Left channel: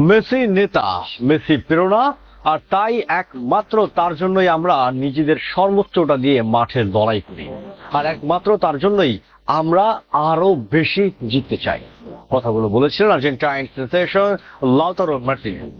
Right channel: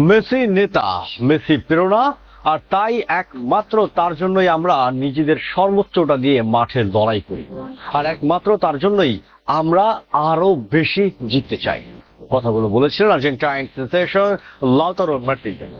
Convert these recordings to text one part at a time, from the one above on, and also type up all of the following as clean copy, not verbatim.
Messi নেতা, Messi প্রেরণা, আর তাই একমাত্র তার জন্যই আমরা নিজেদের সর্বোচ্চটা দিয়ে মাঠের লড়াই করি, আর একমাত্র তার জন্যই আমরা আরো বেশি জিততে চাই। কথাগুলো বলেছিলেন আর্জেন্টাইন সেন্সেশন লাউতারো মার্টিনেজ।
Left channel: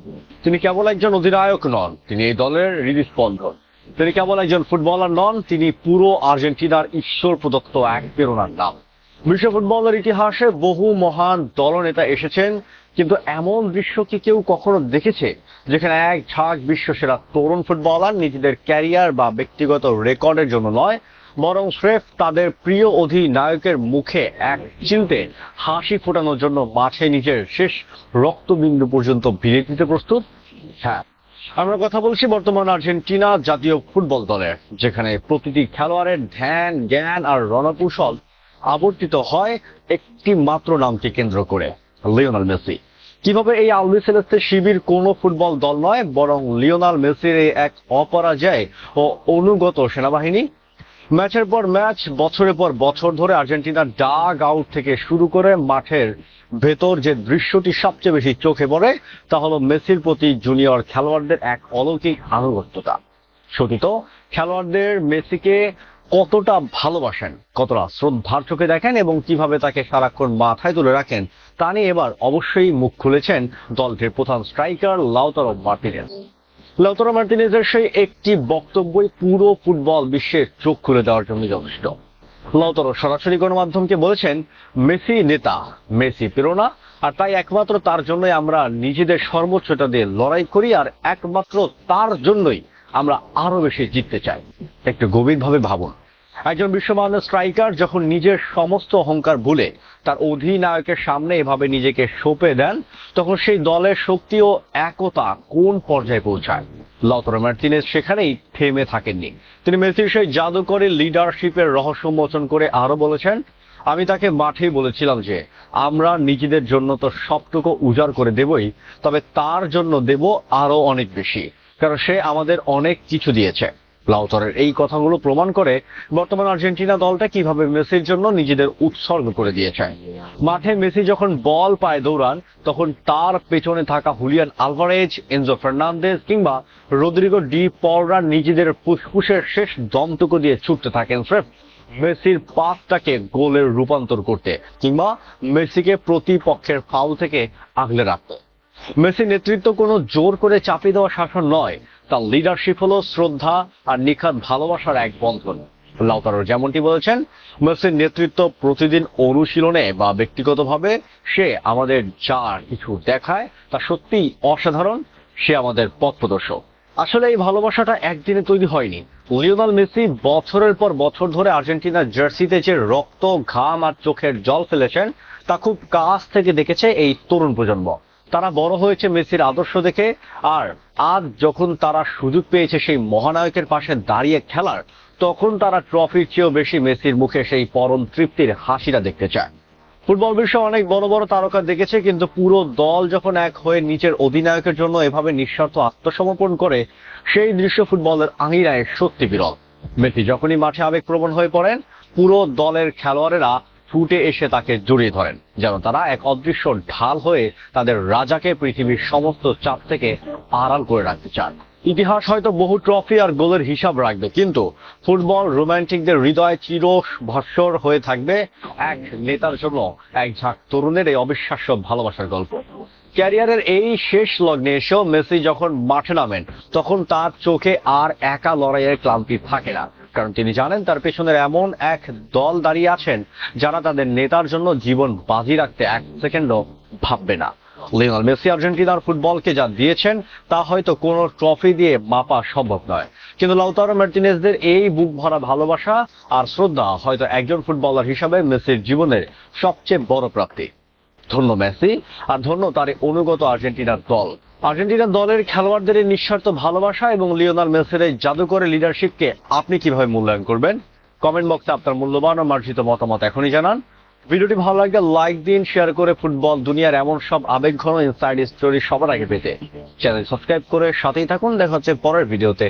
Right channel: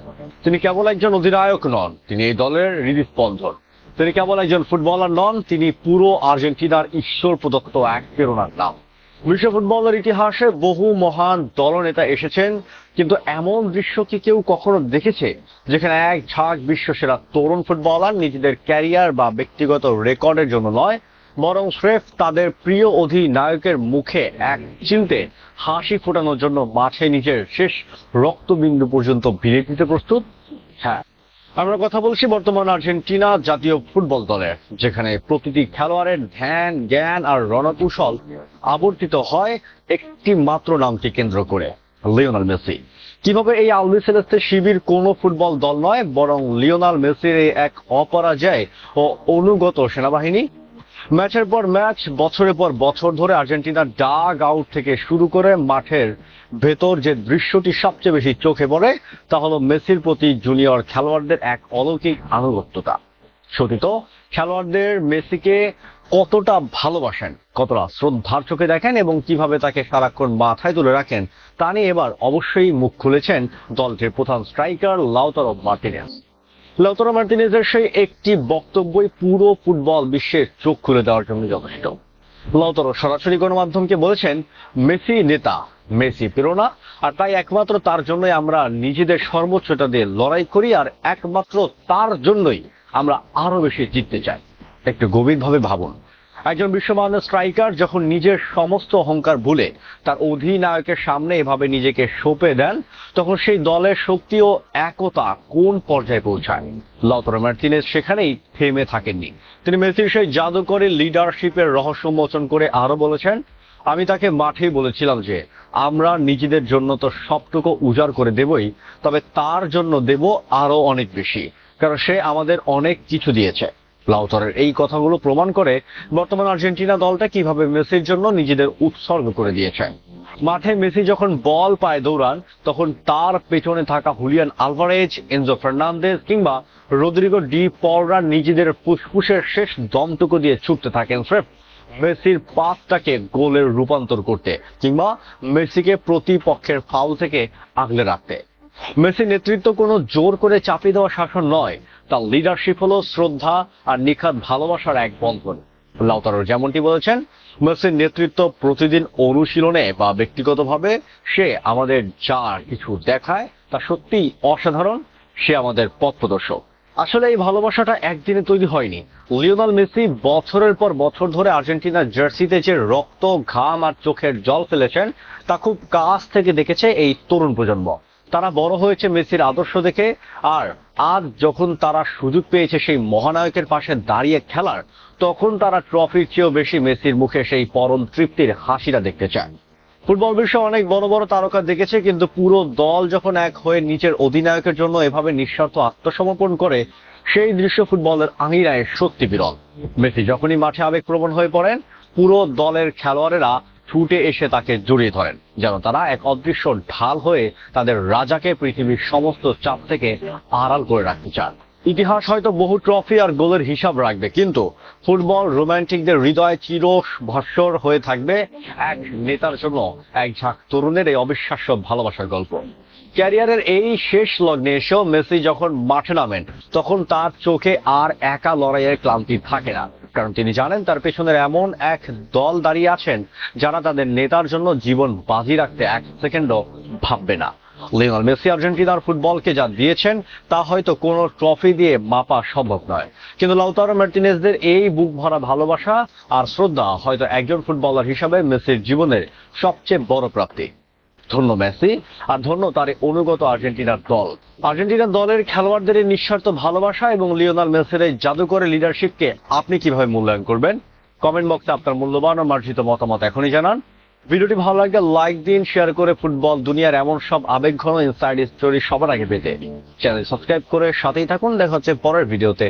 তিনি কেবল একজন অধিনায়ক নন, তিনি এই দলের হৃদস্পন্দন। তিনি কেবল একজন ফুটবলার নন, তিনি পুরো আর্জেন্টিনার ঈশ্বর প্রদত্ত এক প্রেরণার নাম। বিশ্ব ফুটবলের ইতিহাসে বহু মহান দলনেতা এসেছেন, কিন্তু এমন দৃশ্য কি কেউ কখনো দেখেছে যেখানে এক ঝাঁক বিশ্বসেরা তরুণ ফুটবলার নিজেদের ক্যারিয়ার বা ব্যক্তিগত রেকর্ডের জন্য নয়, বরং স্রেফ তাদের প্রিয় অধিনায়কের মুখে এক চিনতে হাসি ফোটানোর জন্য মাঠে নিজের শেষ রক্তবিন্দু পর্যন্ত বিলিয়ে দিতে প্রস্তুত? হ্যাঁ, আমরা কথা বলছি বর্তমান আর্জেন্টিনা জাতীয় ফুটবল দলের, যেখানে প্রতিটি খেলোয়াড়ের ধ্যান, জ্ঞান আর রণকৌশল আবর্তিত হয় একটি মাত্র নামকে কেন্দ্র করে, লিওনেল মেসি। কিভাবে এই আলবিসেলেস্তে শিবির কোনো ফুটবল দল নয়, বরং লিওনেল মেসির এই এক অপরাজয় ও অনুগত সেনাবাহিনী। ম্যাচের পর ম্যাচ, বছরের পর বছর ধরে আর্জেন্টিনার ডাগ আউট থেকে শুরু করে মাঠের ভেতর যে দৃশ্যটি সবচেয়ে বেশি চোখে পড়ে তা হলো মেসির প্রতি জুনিয়র খেলোয়াড়দের এক অলৌকিক আনুগত্যতা। সতীত খেলোয়াড়দের মেসিকে কতটা ভালোবাসেন, কতটা শ্রদ্ধার চোখে দেখেন এবং কিভাবে তাকে সারাক্ষণ মাথায় তুলে রাখেন তা নিয়ে এবার অবশ্যই মুখ খুলেছেন দলটির প্রধান স্ট্রাইকার লাউতারো মার্টিনেজ। লাউতারো মার্টিনেজের সেই একটি বক্তব্যই পুরো ফুটবল বিশ্বের চোখ খুলে দেওয়ার জন্য যথেষ্ট। লাউতারো সরাসরি গণমাধ্যমকে বলেছেন, মেসি নেতা, মেসি প্রেরণা, আর তাই একমাত্র তার জন্যই আমরা নিজেদের সর্বোচ্চটা দিয়ে লড়াই করি, আর একমাত্র তার জন্যই আমরা আরো বেশি জিততে চাই। একটু গভীরভাবে ভাবুন, একজন বিশ্বমান্য স্ট্রাইকার যখন নিজের সমস্ত অহংকার ভুলে তার অধিনায়কের সামনে এভাবে নিজেকে সঁপে দেন, তখন সেই দলের শক্তি ও একতা কোন পর্যায়ে পৌঁছান। লাউতারো মার্টিনেজ সেখানেই থেমে থাকেননি। তিনি মেসির সেই জাদুকরী লিডারশিপের রহস্য উন্মোচন করে আরো বলেছেন, আমি তাকে মাঠেই বলেছিলাম যে আমরা নিজেদের জন্য তো সবটুকু উজাড় করে দেবই, তবে তার জন্য দেব আরো অনেক বেশি, কারণ সে আমাদের অনেক কিছু দিয়েছে। লাউতারোর এই কথাগুলো প্রমাণ করে বর্তমান আর্জেন্টিনা দলটা কিভাবে মেসির জন্য নিজেদের উৎসর্গ করে দিয়েছে। মাঠে মেসি যখন বল পায় দৌড়ান, তখন তার পেছনে থাকা হুলিয়ান আলভারেজ, এনজো ফার্নান্দেজ কিংবা রদ্রিগো ডি পলরা নিজেদের ফুসফুসের শেষ দমটুকু দিয়ে ছুটতে থাকেন স্রেফ মেসির পাসটাকে গোলের রূপান্তর করতে কিংবা মেসিকে প্রতিপক্ষের ফাউল থেকে আগলে রাখতে। মেসির নেতৃত্ব কোনো জোর করে চাপিয়ে দেওয়া শাসন নয়, তার লিডারশিপ হলো শ্রদ্ধা আর নিখাত ভালোবাসার এক বন্ধন। লাউতারো যেমনটি বলেছেন, মেসির নেতৃত্ব প্রতিদিন অনুশীলনে বা ব্যক্তিগতভাবে সে আমাদের যা কিছু দেখায় তা সত্যি অসাধারণ। সে আমাদের পথ প্রদর্শক। আসলে এই ভালোবাসাটা একদিনে তৈরি হয়নি। লিওনেল মেসি বছরের পর বছর ধরে আর্জেন্টিনার জার্সিতে যে রক্ত, ঘাম আর চোখের জল ফেলেছেন তা খুব কাছ থেকে দেখেছে এই তরুণ প্রজন্ম। তারা বড় হয়েছে মেসির আদর্শ দেখে, আর আজ যখন তারা সুযোগ পেয়েছে সেই মহানায়কের পাশে দাঁড়িয়ে খেলার, তখন তারা ট্রফির চেয়েও বেশি মেসির মুখে সেই পরম তৃপ্তির হাসিটা দেখতে চায়। ফুটবল বিশ্ব অনেক বড় বড় তারকা দেখেছে, কিন্তু পুরো দল যখন এক হয়ে নিচের অধিনায়কের জন্য এভাবে নিঃস্বার্থ আত্মসমর্পণ করে, সেই দৃশ্য ফুটবলের আঙিনায় সত্যি বিরল। মেসি যখনই মাঠে আবেগপ্রবণ হয়ে পড়েন, পুরো দলের খেলোয়াড়েরা ছুটে এসে তাকে জড়িয়ে ধরেন, যেন তারা এক অদৃশ্য ঢাল হয়ে তাদের রাজাকে পৃথিবীর সমস্ত চাপ থেকে আড়াল করে রাখতে চান। ইতিহাস হয়তো বহু ট্রফি আর গোলের হিসাব রাখবে, কিন্তু ফুটবল রোমান্টিকদের হৃদয় চির ভাস্বর হয়ে থাকবে এক নেতার জন্য এক ঝাঁক তরুণের এই অবিশ্বাস্য ভালোবাসার গল্প। ক্যারিয়ারের এই শেষ লগ্নে এসেও মেসি যখন মাঠে নামেন, তখন তার চোখে আর একা লড়াইয়ের ক্লান্তি থাকে না, কারণ তিনি জানেন তার পেছনের এমন এক দল দাঁড়িয়ে আছেন যারা তাদের নেতার জন্য জীবন বাজি রাখতে এক সেকেন্ডও ভাববে না। লিওনেল মেসি আর্জেন্টিনার ফুটবলকে যা দিয়েছেন তা হয়তো কোনো ট্রফি দিয়ে মাপা সম্ভব নয়, কিন্তু লাউতারো মার্টিনেজদের এই বুক ভরা ভালোবাসা আর শ্রদ্ধা হয়তো একজন ফুটবলার হিসাবে মেসির জীবনের সবচেয়ে বড় প্রাপ্তি। ধন্য মেসি, আর ধন্য তার অনুগত আর্জেন্টিনার দল। আর্জেন্টিনার দলের খেলোয়াড়দের এই নিঃস্বার্থ ভালোবাসা এবং লিওনেল মেসির এই জাদুকরী লিডারশিপকে আপনি কিভাবে মূল্যায়ন করবেন? কমেন্ট বক্সে আপনার মূল্যবান ও মার্জিত মতামত এখনই জানান। ভিডিওটি ভালো লাগলে লাইক দিন, শেয়ার করে ফুটবল দুনিয়ার এমন সব আবেগঘন ইনসাইড স্টোরি সবার আগে পেতে চ্যানেল সাবস্ক্রাইব করে সাথেই থাকুন। দেখা হচ্ছে পরের ভিডিওতে।